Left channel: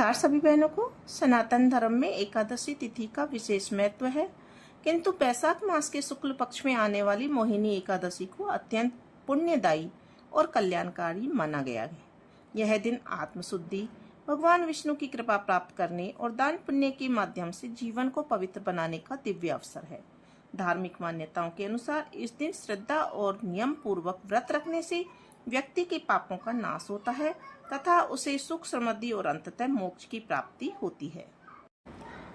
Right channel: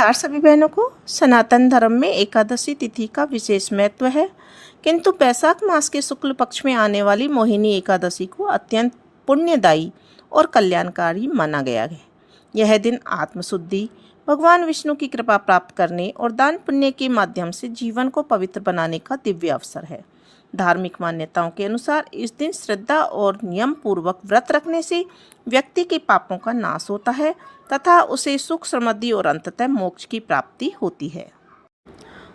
नमस्कार सभी बहनों को। सनातन धर्म में एकादशी तिथि का विशेष महत्व है, किंतु बैसाख मास के शुक्ल पक्ष में आने वाली मोहिनी एकादशी को अत्यंत पुण्यदायी और कल्याणकारी माना गया है। यह दिन आत्मशुद्धि, भगवान विष्णु की कृपा प्राप्त करने और दान पुण्य के माध्यम से जीवन को पवित्र बनाने का दिव्य अवसर है। धार्मिक मान्यताओं के अनुसार इस दिन श्रद्धा और नियम पूर्वक व्रत रखने से व्यक्ति के पापों का नाश होता है तथा उसे सुख, समृद्धि और अंततः मोक्ष की प्राप्ति होती है।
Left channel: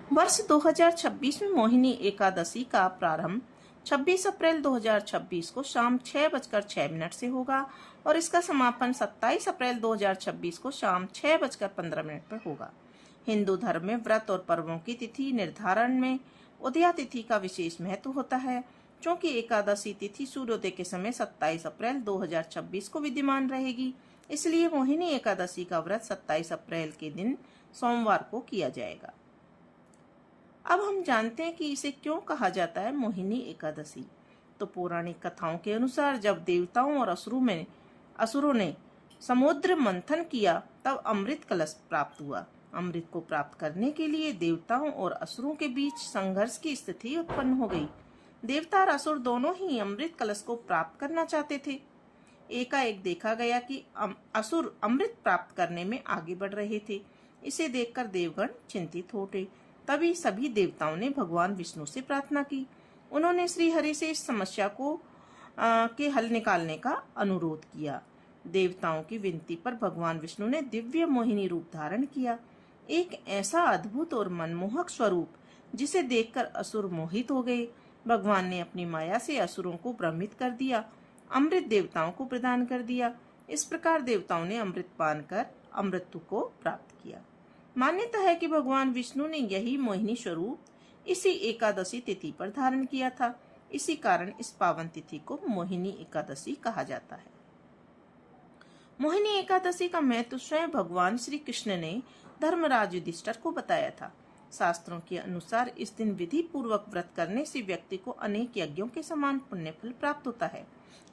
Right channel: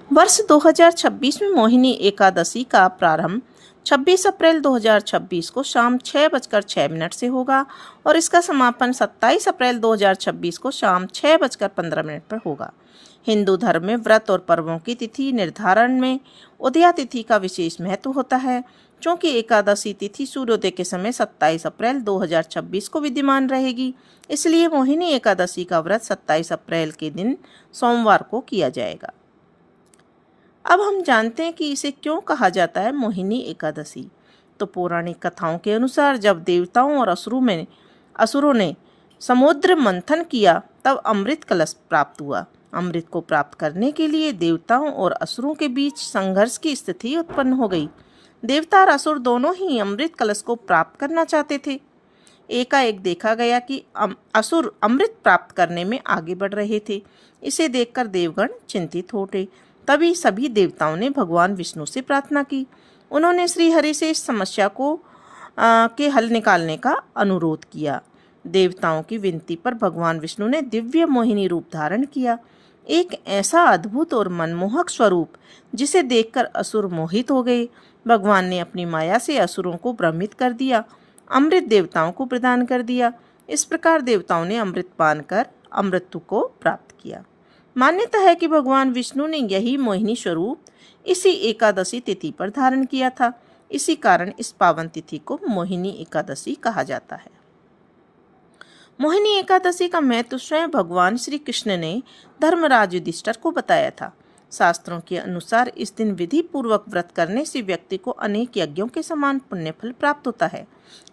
वर्ष 2026 में मोहिनी एकादशी का प्रारंभ 26 अप्रैल 2026 को शाम 6:06 से होगा और इसका समापन 27 अप्रैल 2026 को शाम 6:15 पर होगा। हिंदू धर्म में व्रत और पर्वों की तिथि निर्धारण में उदया तिथि का विशेष महत्व होता है। चूँकि एकादशी तिथि सूर्योदय के समय 27 अप्रैल 2026 को विद्यमान रहेगी, इसलिए मोहिनी एकादशी का व्रत 27 अप्रैल के दिन सोमवार को किया जाएगा। अब हम जानते हैं कि इसे क्यों कहा जाता है मोहिनी एकादशी। तो पौराणिक कथाओं के अनुसार जब देवताओं और असुरों ने समुद्र मंथन किया तब अमृत कलश प्राप्त हुआ। अमृत को प्राप्त करने के लिए देवताओं और असुरों के बीच संघर्ष की स्थिति उत्पन्न हो गई। देवता और असुर दोनों ही अमृत कलश को प्राप्त करना चाहते थे। एकाएक देखा गया कि असुर अमृत प्राप्त करने में आगे बढ़ रहे थे। इसे देखकर देवगण चिंतित हो उठे। तभी सभी देवताओं ने भगवान विष्णु से प्रार्थना की। उन्होंने श्री हरि से इस समस्या के हल निकालने का अनुरोध किया। देवताओं की विनती पर भगवान विष्णु ने दिव्य मोहिनी रूप धारण किया। एक ऐसा अद्भुत और मनमोहक स्वरूप जिसे देखकर असुर मोहित हो गए। भगवान ने अपनी माया से असुरों को भ्रमित कर दिया, अमृत देवताओं को प्रदान कर दिया। इस प्रकार देवताओं ने अमृत पान कर अमृत को प्राप्त किया। मान्यता है कि भगवान विष्णु ने यही मोहिनी स्वरूप इसी एकादशी तिथि पर धारण किया था। इसी कारण इस पावन तिथि को मोहिनी एकादशी कहा जाता है। मोहिनी एकादशी का महत्व स्वयं भगवान श्री कृष्ण ने धर्मराज युधिष्ठिर को बताया था। शास्त्रों के अनुसार इस दिन विधि पूर्वक व्रत करने से व्यक्ति को अनेक यज्ञों के समान पुण्य फल प्राप्त होता है।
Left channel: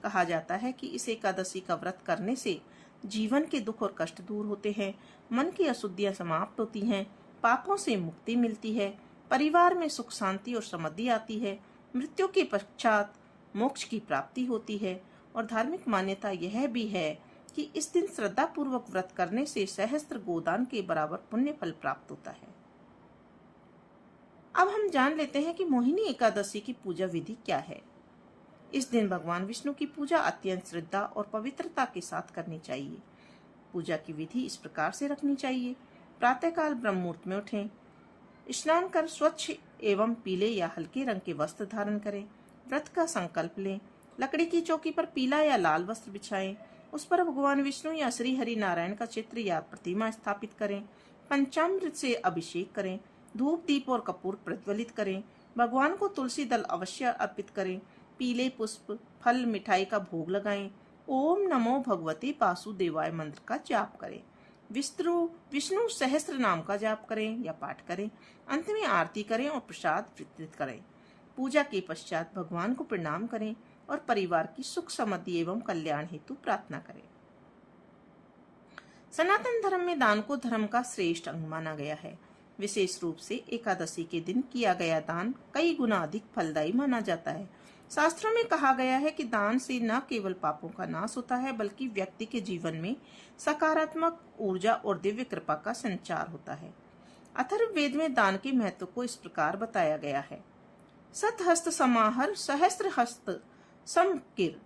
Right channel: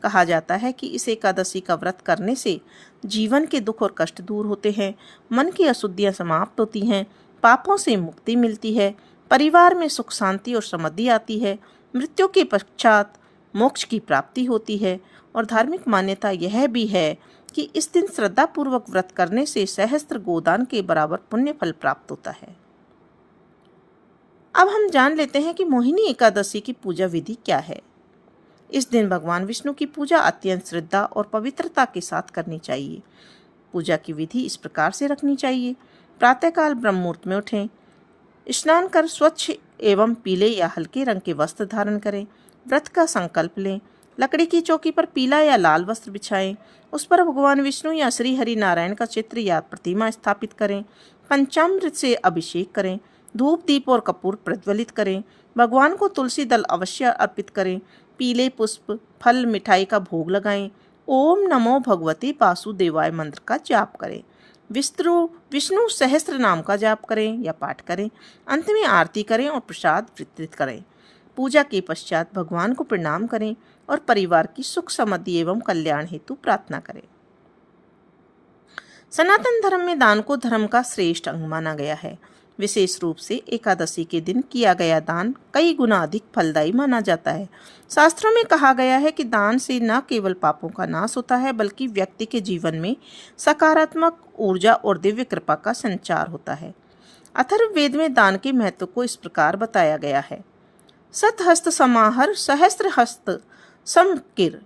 कहा जाता है कि इस एकादशी का व्रत करने से जीवन के दुख और कष्ट दूर होते हैं, मन की अशुद्धियां समाप्त होती हैं, पापों से मुक्ति मिलती है, परिवार में सुख शांति और समृद्धि आती है, मृत्यु के पश्चात मोक्ष की प्राप्ति होती है। और धार्मिक मान्यता यह भी है कि इस दिन श्रद्धा पूर्वक व्रत करने से सहस्त्र गोदान के बराबर पुण्य फल प्राप्त होता है। अब हम जान लेते हैं कि मोहिनी एकादशी की पूजा विधि क्या है। इस दिन भगवान विष्णु की पूजा अत्यंत श्रद्धा और पवित्रता के साथ करनी चाहिए। पूजा की विधि इस प्रकार से रखनी चाहिए। प्रातःकाल ब्रह्म मुहूर्त में उठें, स्नान कर स्वच्छ एवं पीले या हल्के रंग के वस्त्र धारण करें, व्रत का संकल्प लें, लकड़ी की चौकी पर पीला या लाल वस्त्र बिछाएं, उस पर भगवान विष्णु या श्री हरि नारायण का चित्र या प्रतिमा स्थापित करें, पंचामृत से अभिषेक करें, धूप दीप और कपूर प्रज्वलित करें, भगवान को तुलसी दल अवश्य अर्पित करें, पीले पुष्प, फल, मिठाई का भोग लगाएं, ओम नमो भगवते वासुदेवाय मंत्र का जाप करें, विष्णु सहस्त्र नाम का जाप करें या पाठ करें, अंत में आरती करें और प्रसाद वितरित करें। पूजा के पश्चात भगवान को प्रणाम करें और परिवार की सुख समृद्धि एवं कल्याण हेतु प्रार्थना करें। सनातन धर्म में दान को धर्म का श्रेष्ठ अंग माना गया है। विशेष रूप से एकादशी के दिन किया गया दान कई गुना अधिक फलदायी माना जाता है। शास्त्रों में कहा गया है कि दान से न केवल पापों का नाश होता है, बल्कि व्यक्ति के जीवन में सकारात्मक ऊर्जा और दिव्य कृपा का संचार होता है। अथर्ववेद में दान के महत्व को इस प्रकार बताया गया है। सतहस्त समाहर सहस्त्र हस्त समकिर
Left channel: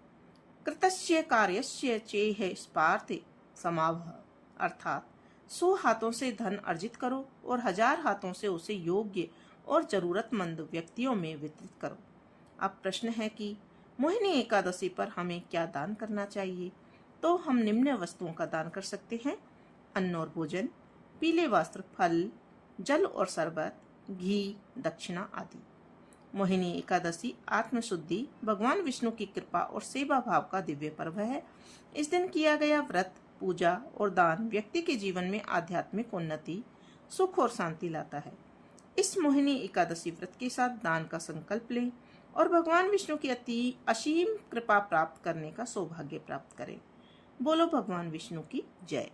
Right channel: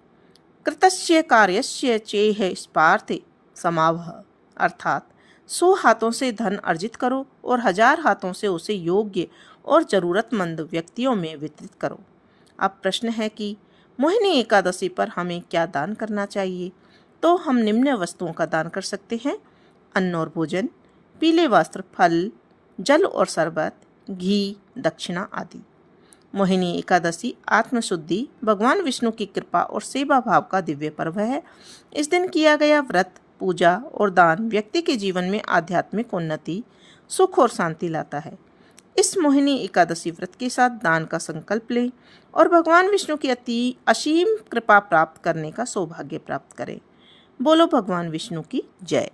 कृतस्य कार्यस्य चेह स्पार्थे समावह। अर्थात 100 हाथों से धन अर्जित करो और 1000 हाथों से उसे योग्य और जरूरतमंद व्यक्तियों में वितरित करो। अब प्रश्न है कि मोहिनी एकादशी पर हमें क्या दान करना चाहिए। तो हम निम्न वस्तुओं का दान कर सकते हैं: अन्न और भोजन, पीले वस्त्र, फल, जल और शरबत, घी, दक्षिणा आदि। मोहिनी एकादशी आत्मशुद्धि, भगवान विष्णु की कृपा और सेवा भाव का दिव्य पर्व है। इस दिन किया गया व्रत, पूजा और दान व्यक्ति के जीवन में आध्यात्मिक उन्नति, सुख और शांति लाता है। इस मोहिनी एकादशी व्रत के साथ दान का संकल्प लें और भगवान विष्णु की असीम कृपा प्राप्त करने का सौभाग्य प्राप्त करें। बोलो भगवान विष्णु की जय।